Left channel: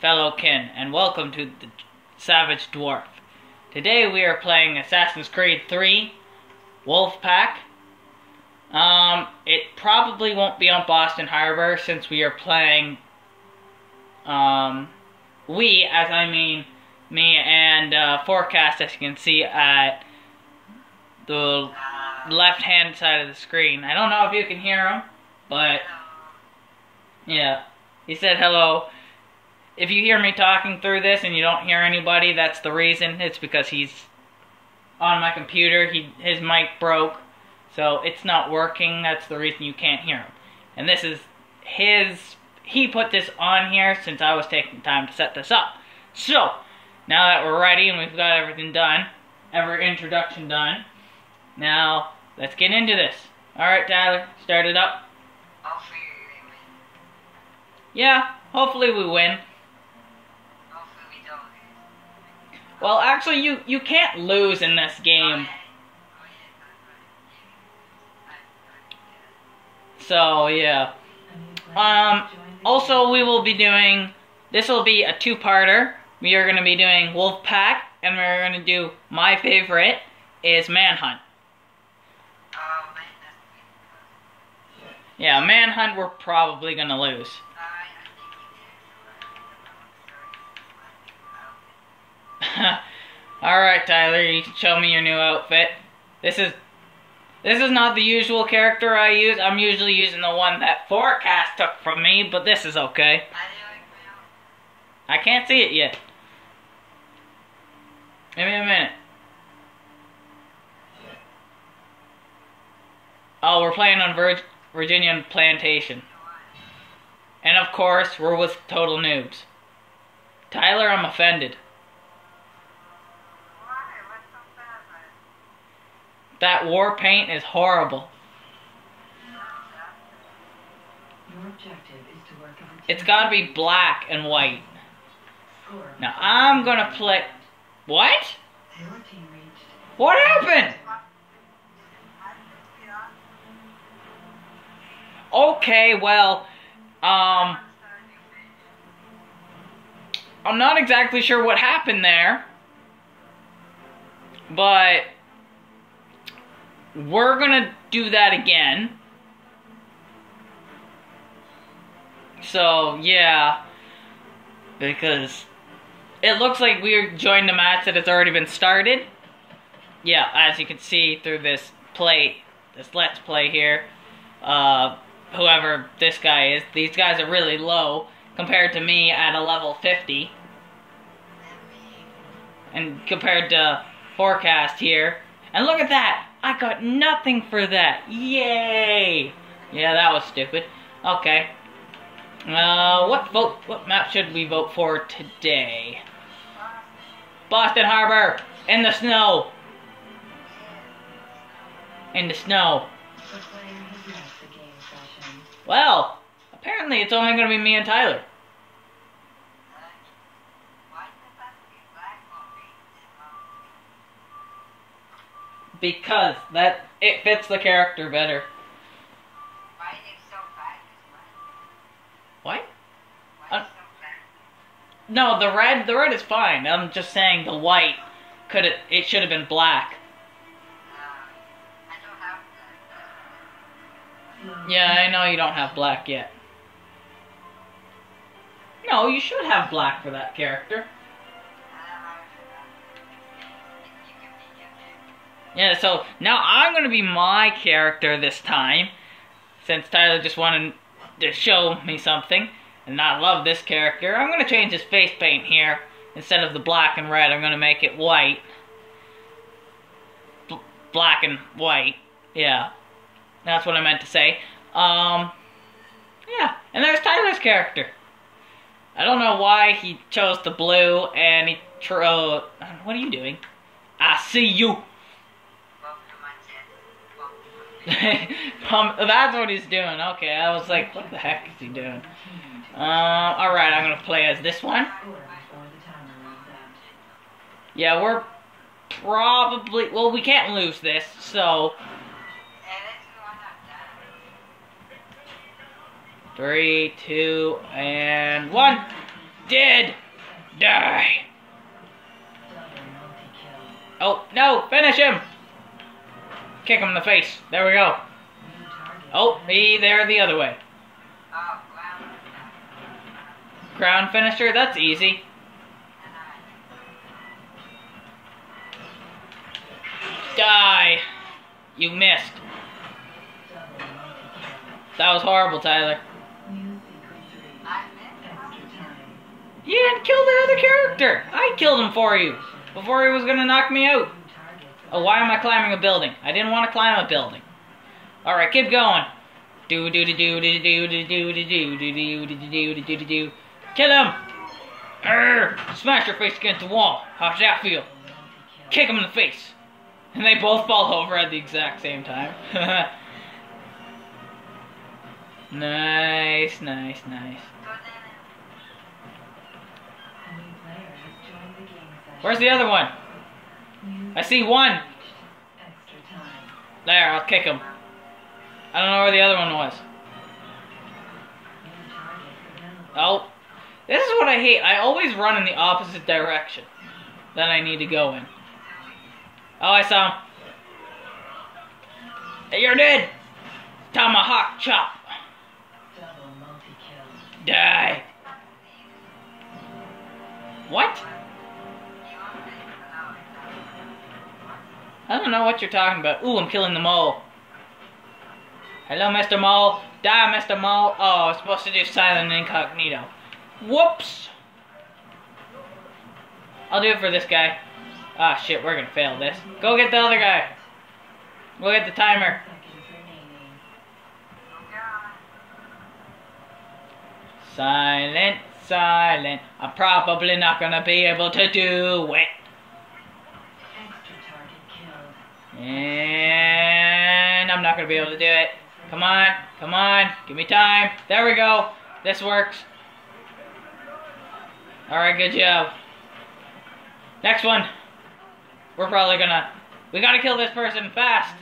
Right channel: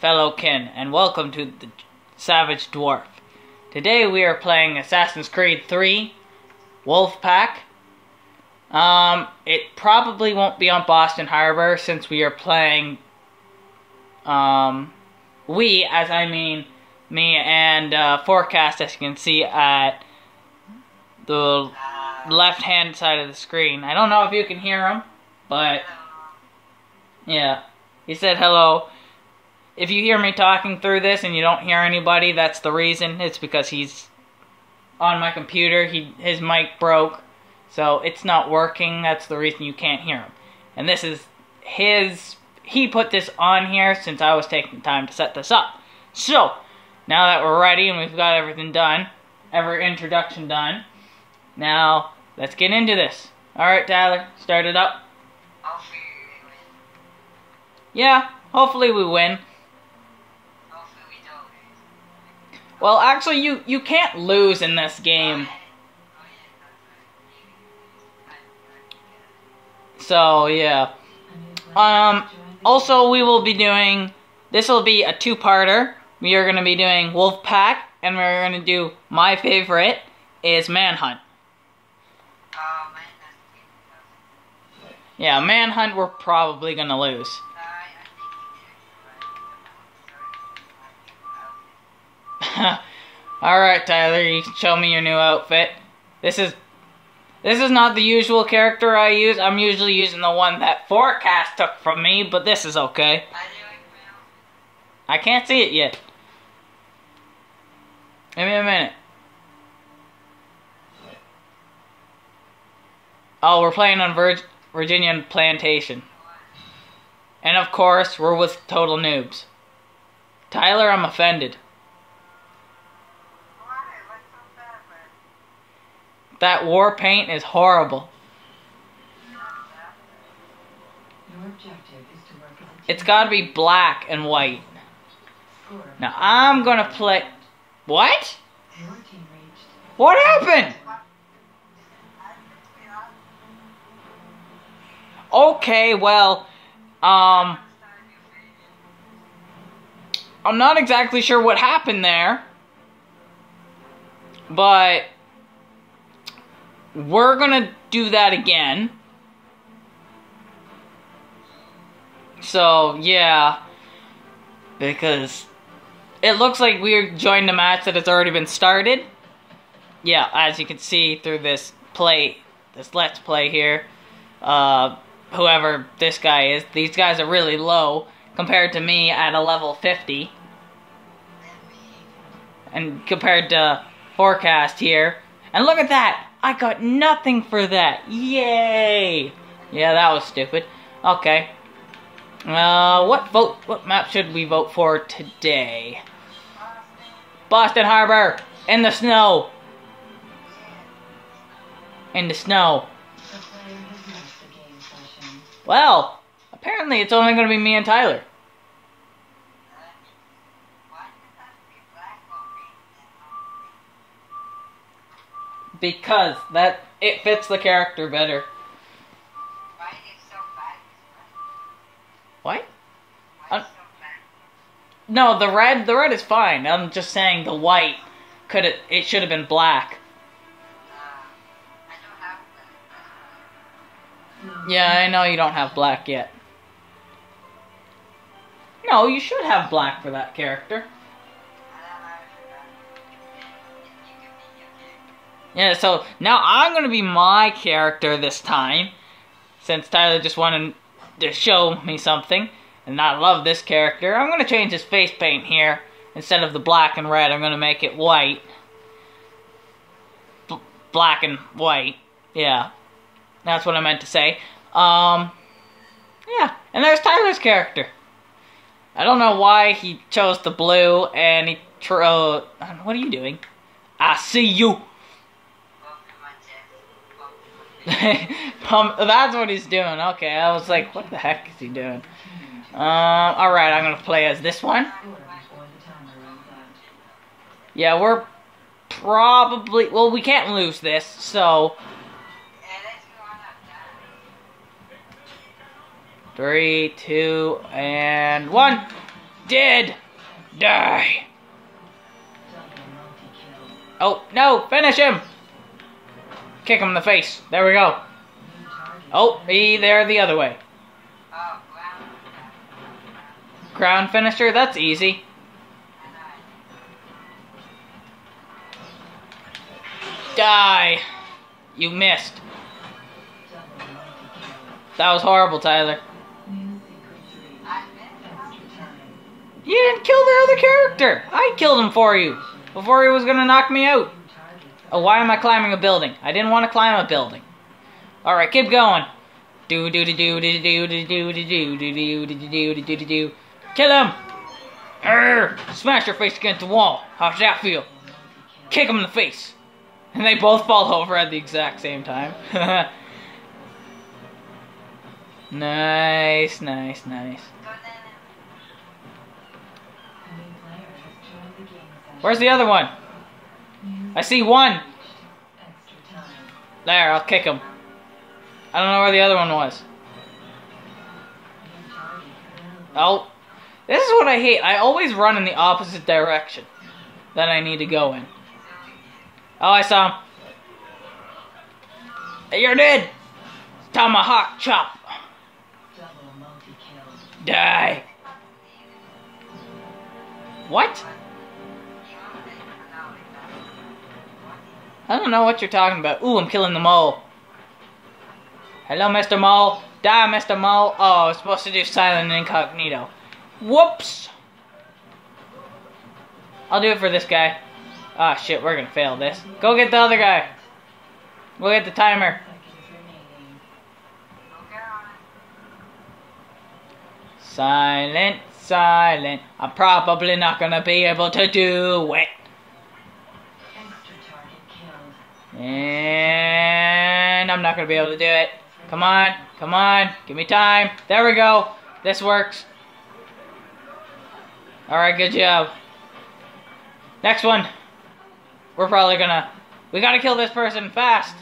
fellow kin, and welcome to the Savage Dwarf. Today we are playing Assassin's Creed 3, Wolfpack. It probably won't be on Boston Harbor since we are playing, we, as I mean me and Forecast, as you can see at the left-hand side of the screen. I don't know if you can hear him, but yeah, he said hello. If you hear me talking through this and you don't hear anybody, that's the reason. It's because he's on my computer. His mic broke, so it's not working. That's the reason you can't hear him. And this is he put this on here since I was taking time to set this up. So, now that we're ready and we've got everything done, every introduction done, now let's get into this. Alright, Tyler, start it up. Yeah, hopefully we win. Well, actually, you can't lose in this game. So, yeah. Also, we will be doing... This will be a two-parter. We are going to be doing Wolfpack, and we're going to do... My favorite is Manhunt. Yeah, Manhunt we're probably going to lose. Alright, Tyler, you can show me your new outfit. This is not the usual character I use. I'm usually using the one that Forecast took from me, but this is okay. I can't see it yet. Give me a minute. Oh, we're playing on Virginian Plantation. And of course, we're with total noobs. Tyler, I'm offended. That war paint is horrible. It's gotta be black and white. Now I'm gonna play... What? What happened? Okay, well, I'm not exactly sure what happened there, but we're gonna do that again. So, yeah, because it looks like we joined a match that has already been started. Yeah, as you can see through this Let's Play here, whoever this guy is, these guys are really low compared to me at a level 50. And compared to Forecast here. And look at that! I got nothing for that! Yay! Yeah, that was stupid. Okay. What map should we vote for today? Boston Harbor! In the snow! In the snow. Well, apparently it's only gonna be me and Tyler. Because it fits the character better. What? No, the red is fine. I'm just saying the white it should have been black. Yeah, I know you don't have black yet. No, you should have black for that character. Yeah, so now I'm gonna be my character this time, since Tyler just wanted to show me something, and I love this character. I'm gonna change his face paint here. Instead of the black and red, I'm gonna make it white. Black and white. Yeah, that's what I meant to say. Yeah, and there's Tyler's character. I don't know why he chose the blue, and he what are you doing? I see you. That's what he's doing. Okay, I was like, what the heck is he doing? Alright, I'm gonna play as this one. Yeah, we're probably... Well, we can't lose this, so... 3, 2, and 1. Dead! Die! Oh, no! Finish him! Kick him in the face. There we go. Oh, there the other way. Ground finisher? That's easy. Die! You missed. That was horrible, Tyler. You didn't kill the other character! I killed him for you! Before he was gonna knock me out. Oh, why am I climbing a building? I didn't want to climb a building. Alright, keep going. Do do do do do do do do do do do do do do do do. Kill him! Smash your face against the wall. How's that feel? Kick him in the face. And they both fall over at the exact same time. Nice, nice, nice. Where's the other one? I see one. There, I'll kick him. I don't know where the other one was. Oh. This is what I hate. I always run in the opposite direction that I need to go in. Oh, I saw him. Hey, you're dead. Tomahawk chop. Die. What? I don't know what you're talking about. Ooh, I'm killing the mole. Hello, Mr. Mole. Die, Mr. Mole. Oh, I was supposed to do silent incognito. Whoops. I'll do it for this guy. Ah, shit, we're gonna fail this. Go get the other guy. We'll get the timer. Silent, silent. I'm probably not gonna be able to do it. And I'm not gonna be able to do it. Come on, come on. Give me time. There we go. This works. Alright, good job. Next one. We're probably gonna... We gotta kill this person fast.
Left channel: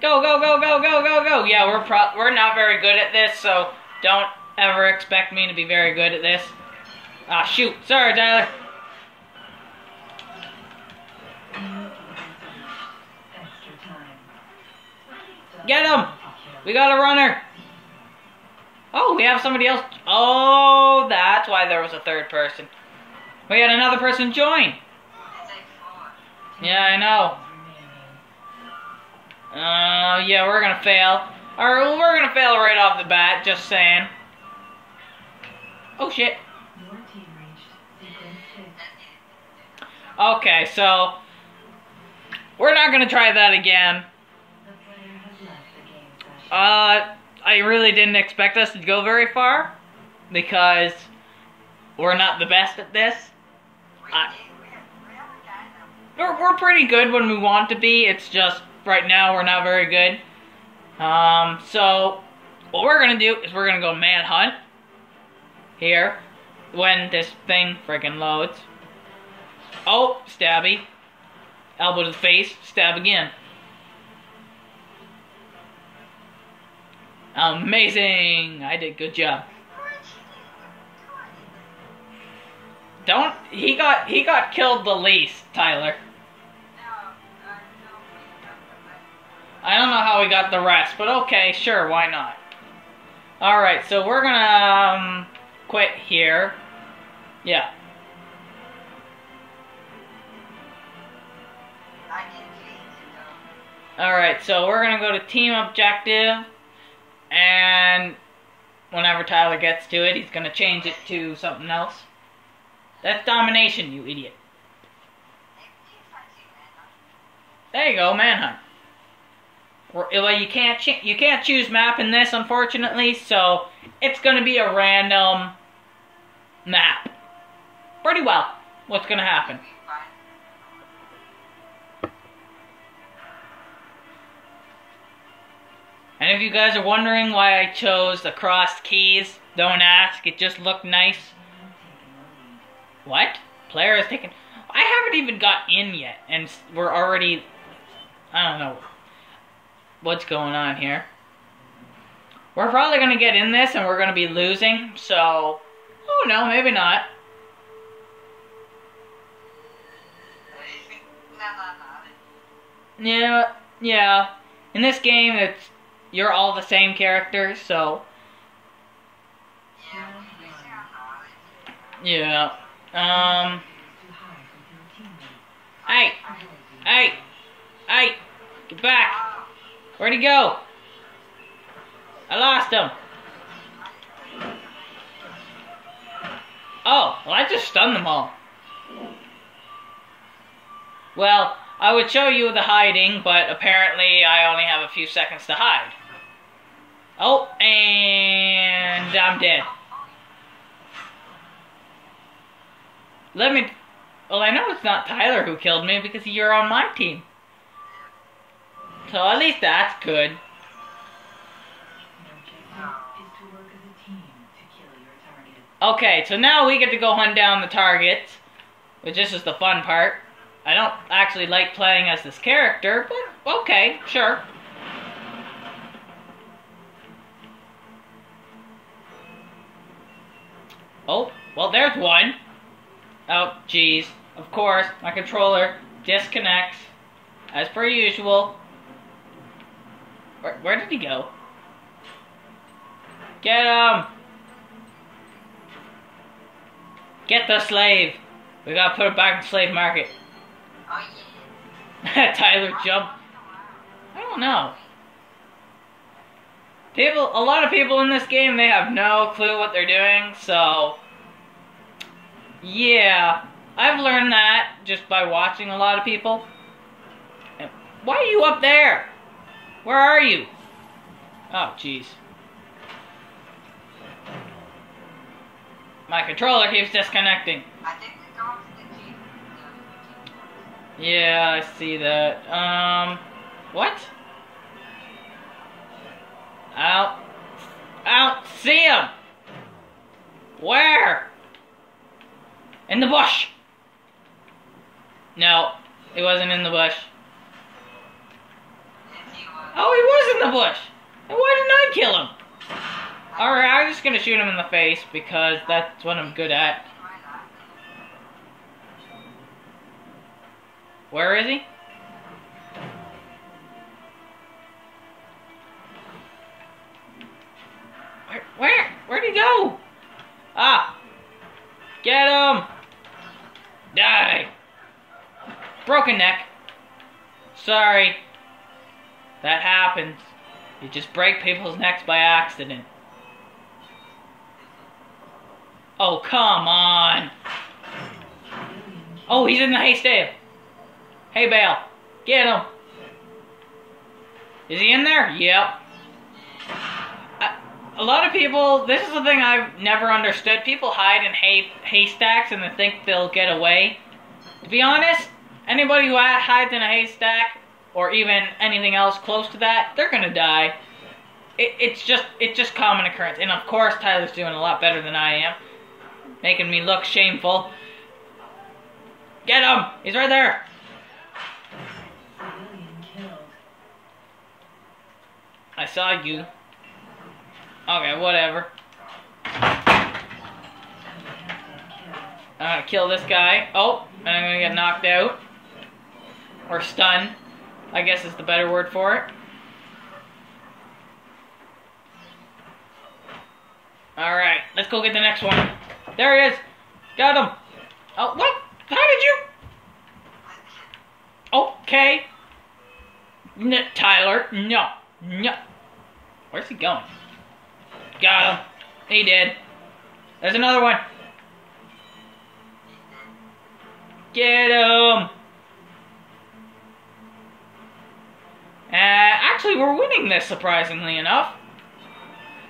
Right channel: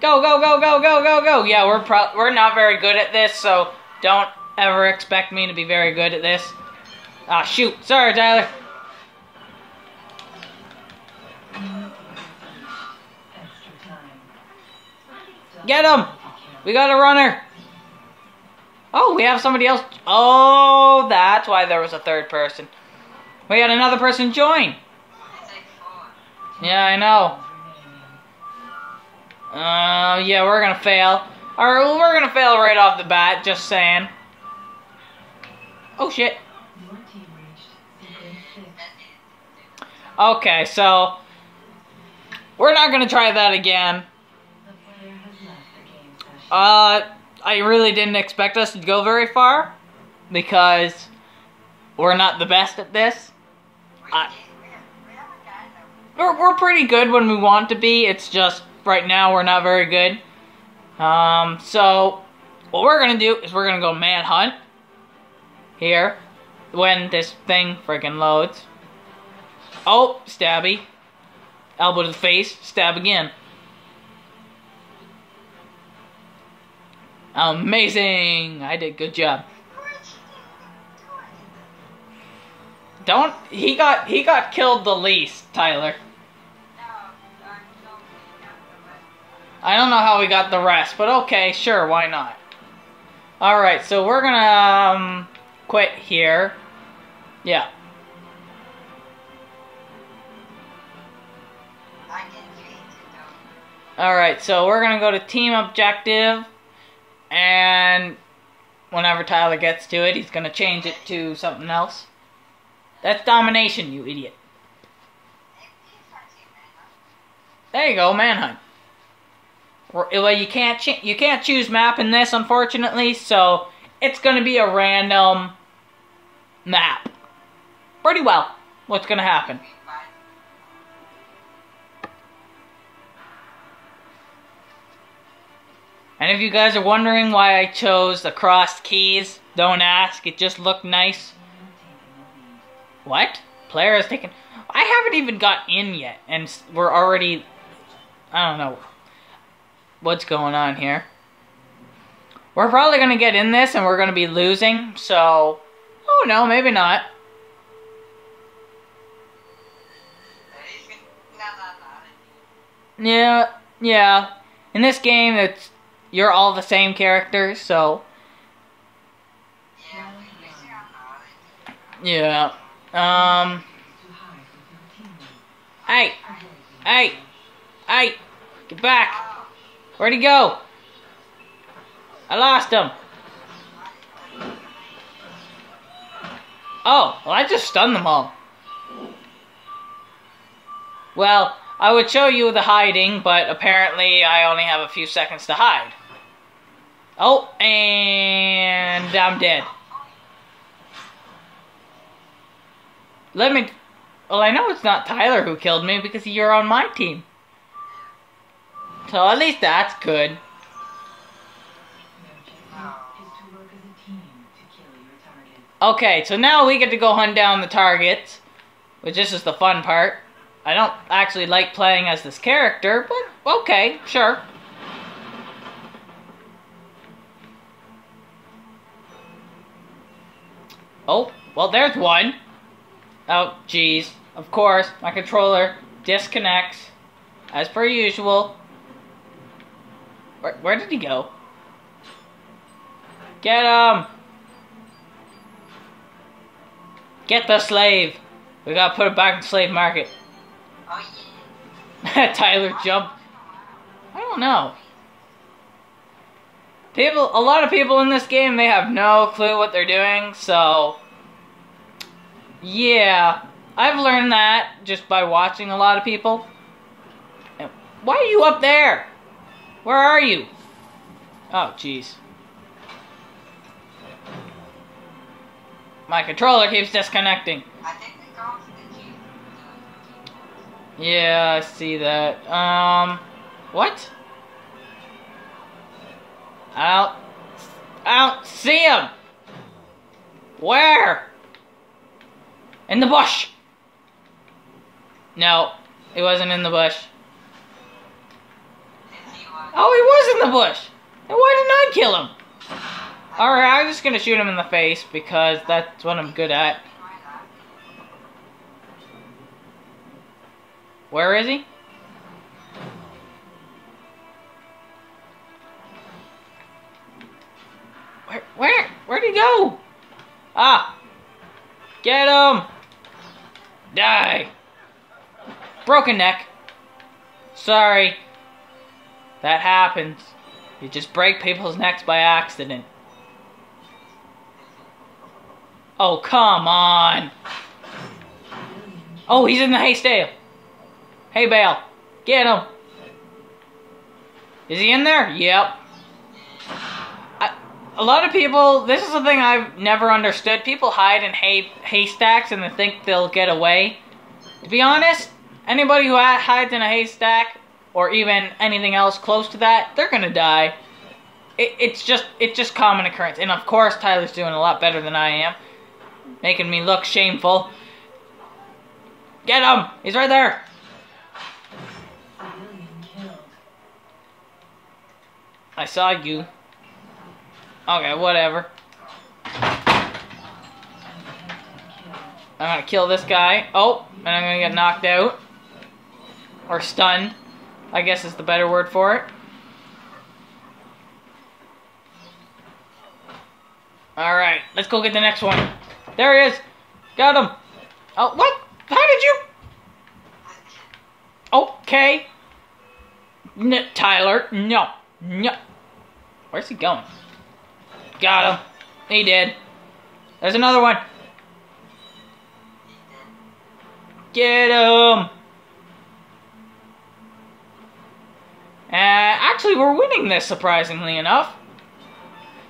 Go, go, go, go, go, go, go. Yeah, we're not very good at this, so don't ever expect me to be very good at this. Ah, shoot. Sorry, Tyler. Get him! We got a runner. Oh, we have somebody else. Oh, that's why there was a third person. We had another person join. Yeah, I know. Yeah, we're gonna fail. Or we're gonna fail right off the bat, just saying. Oh, shit. Okay, so we're not gonna try that again. I really didn't expect us to go very far because we're not the best at this. We're pretty good when we want to be. It's just right now we're not very good. So what we're gonna do is we're gonna go manhunt here when this thing freaking loads. Oh, stabby. Elbow to the face, stab again. Amazing! I did good job. He got killed the least, Tyler. I don't know how he got the rest, but okay, sure, why not? Alright, so we're gonna quit here. Yeah. Alright, so we're gonna go to team objective, and whenever Tyler gets to it, he's gonna change it to something else. That's domination, you idiot. There you go, manhunt. Well, you can't choose map in this, unfortunately, so it's gonna be a random map. Pretty well, what's gonna happen. And if you guys are wondering why I chose the crossed keys, don't ask, it just looked nice. What? Player is taken... I haven't even got in yet, and we're already... I don't know what's going on here. We're probably gonna get in this and we're gonna be losing, so... Oh no, maybe not. Yeah. In this game, you're all the same characters, so... Yeah. Hey! Get back! Where'd he go? I lost him. Oh, well, I just stunned them all. Well, I would show you the hiding, but apparently I only have a few seconds to hide. Oh, and I'm dead. Well, I know it's not Tyler who killed me because you're on my team. So at least that's good. Okay, so now we get to go hunt down the targets, which this is the fun part. I don't actually like playing as this character, but okay, sure. Oh, well, there's one. Oh, jeez. Of course, my controller disconnects, as per usual. Where did he go? Get him! Get the slave! We gotta put it back in the slave market. Oh, yeah. Tyler jumped. I don't know. A lot of people in this game, they have no clue what they're doing, so... Yeah, I've learned that just by watching a lot of people. Why are you up there? Where are you? Oh, jeez. My controller keeps disconnecting. I think the dog's the team. Yeah, I see that. What? I don't see him. Where? In the bush. No, he wasn't in the bush. Oh, he was in the bush. Then why didn't I kill him? Alright, I'm just gonna shoot him in the face because that's what I'm good at. Where is he? Where'd he go? Ah! Get him! Die! Broken neck. Sorry. That happens. You just break people's necks by accident. Oh, come on! Oh, he's in the haystack. Hay bale. Get him! Is he in there? Yep. A lot of people, this is the thing I've never understood. People hide in haystacks and they think they'll get away. To be honest, anybody who hides in a haystack, or even anything else close to that, they're gonna die. It's just common occurrence. And of course, Tyler's doing a lot better than I am. Making me look shameful. Get him! He's right there! I saw you. Okay, whatever. I'm gonna kill this guy. Oh, and I'm gonna get knocked out. Or stunned, I guess is the better word for it. Alright, let's go get the next one. There he is! Got him! Oh, what? How did you? Okay. Tyler, no. Where's he going? Got him. He did. There's another one. Get him. Actually, we're winning this, surprisingly enough.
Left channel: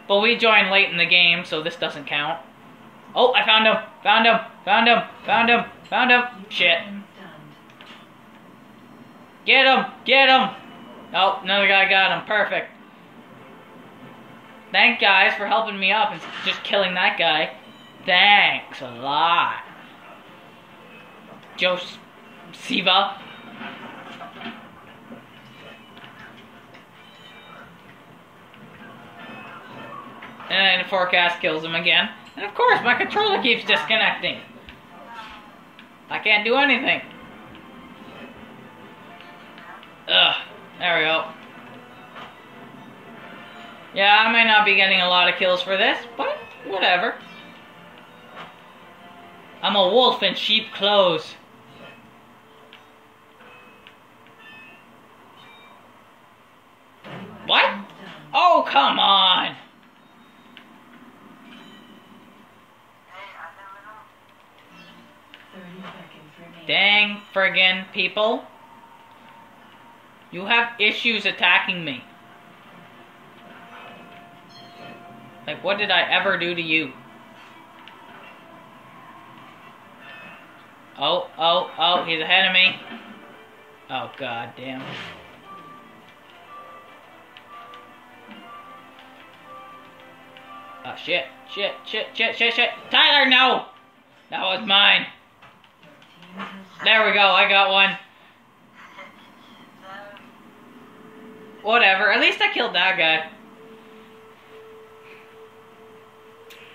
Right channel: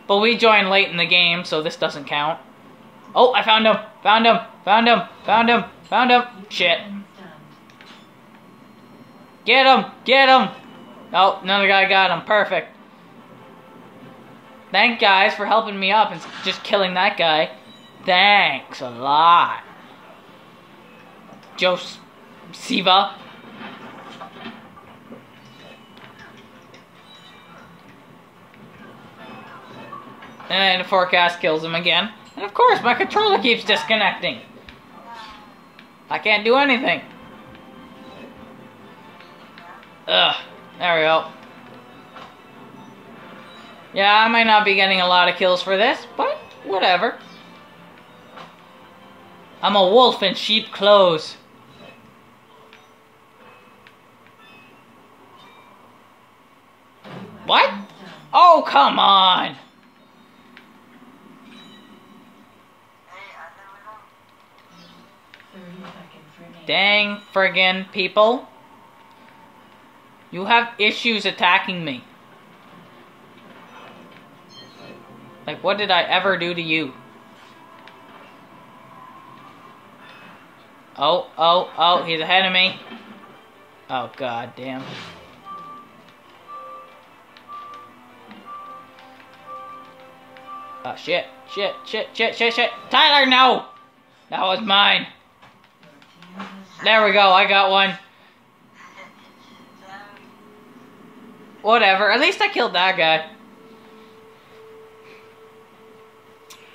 But we joined late in the game, so this doesn't count. Oh, I found him. Found him. Found him. Found him. Found him. Shit. Get him. Get him. Oh, another guy got him. Perfect. Thank guys for helping me up and just killing that guy. Thanks a lot. Joseva. And the forecast kills him again. And of course, my controller keeps disconnecting. I can't do anything. Ugh. There we go. Yeah, I might not be getting a lot of kills for this, but whatever. I'm a wolf in sheep clothes. What? Oh, come on! Dang friggin' people. You have issues attacking me. Like, what did I ever do to you? Oh, he's ahead of me. Oh, god damn. Oh, shit. Tyler, no! That was mine. There we go, I got one. Whatever, at least I killed that guy.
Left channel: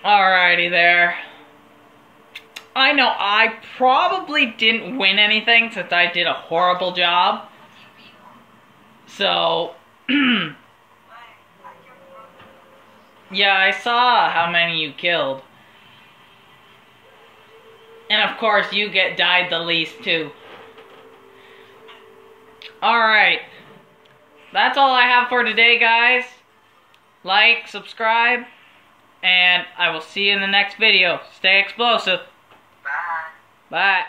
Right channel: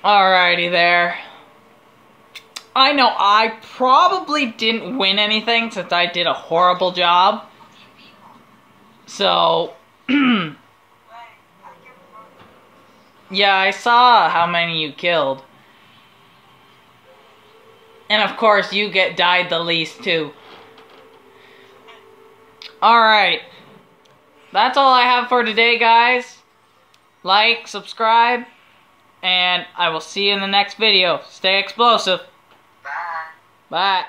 Alrighty there. I know I probably didn't win anything since I did a horrible job. So, yeah, I saw how many you killed. And of course, you died the least too. Alright. That's all I have for today, guys. Like, subscribe, and I will see you in the next video. Stay explosive. Bye. Bye.